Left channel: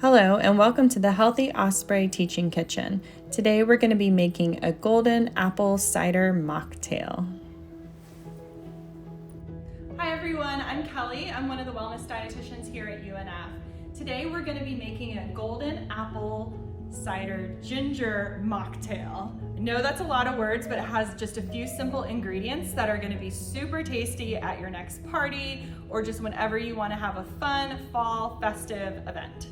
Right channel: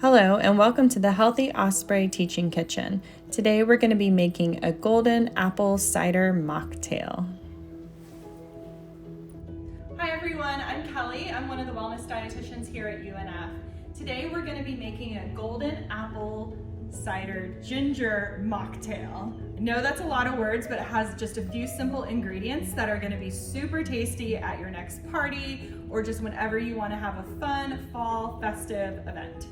Hello and welcome to the Healthy Osprey Teaching Kitchen. Today we're going to be making a golden apple cider mocktail. Hi everyone, I'm Kelly. I'm one of the wellness dietitians here at UNF. Today we're going to be making a golden apple cider ginger mocktail. I know that's a lot of words, but it has just a few simple ingredients that are going to be super tasty at your next party or just whenever you want to have a fun fall festive event.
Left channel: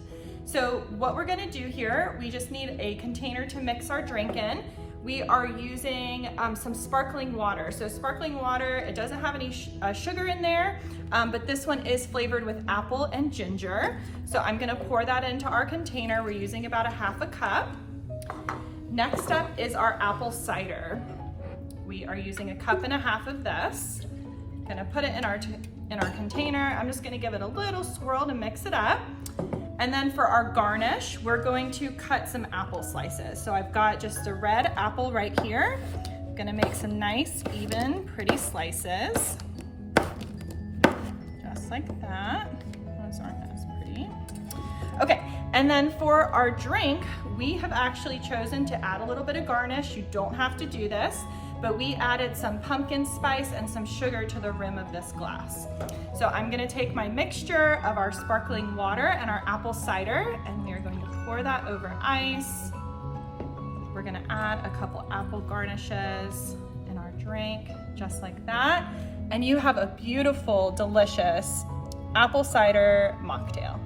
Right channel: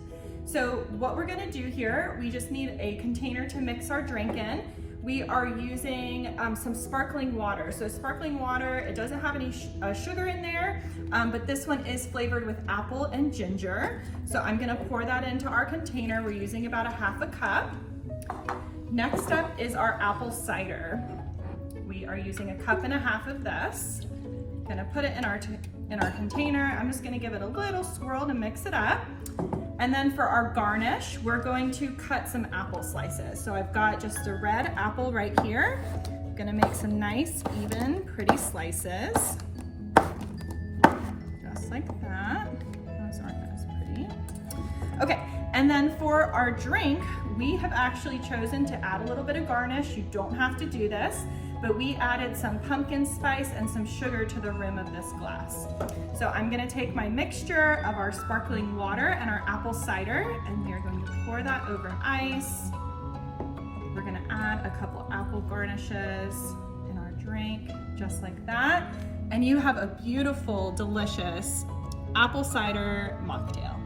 So what we're gonna do here, we just need a container to mix our drink in. We are using some sparkling water. So sparkling water, it doesn't have any sugar in there, but this one is flavored with apple and ginger. So I'm gonna pour that into our container. We're using about a half a cup. Next up is our apple cider. We are using a cup and a half of this. Gonna put it in our container. I'm just gonna give it a little swirl to mix it up. And then for our garnish, we're going to cut some apple slices. So I've got just a red apple right here. I'm gonna make some nice, even, pretty slices. Just like that. Those aren't as pretty. Okay, and then for our drink, we have actually chosen to add a little bit of garnish. You don't have to do this, but we added some pumpkin spice and some sugar to the rim of this glass. So I'm gonna take my mixture of our sparkling water and our apple cider, and we are going to pour that over ice. We're gonna add a couple apple garnishes in our drink, just like that. And you have a beautiful, delicious apple cider mocktail.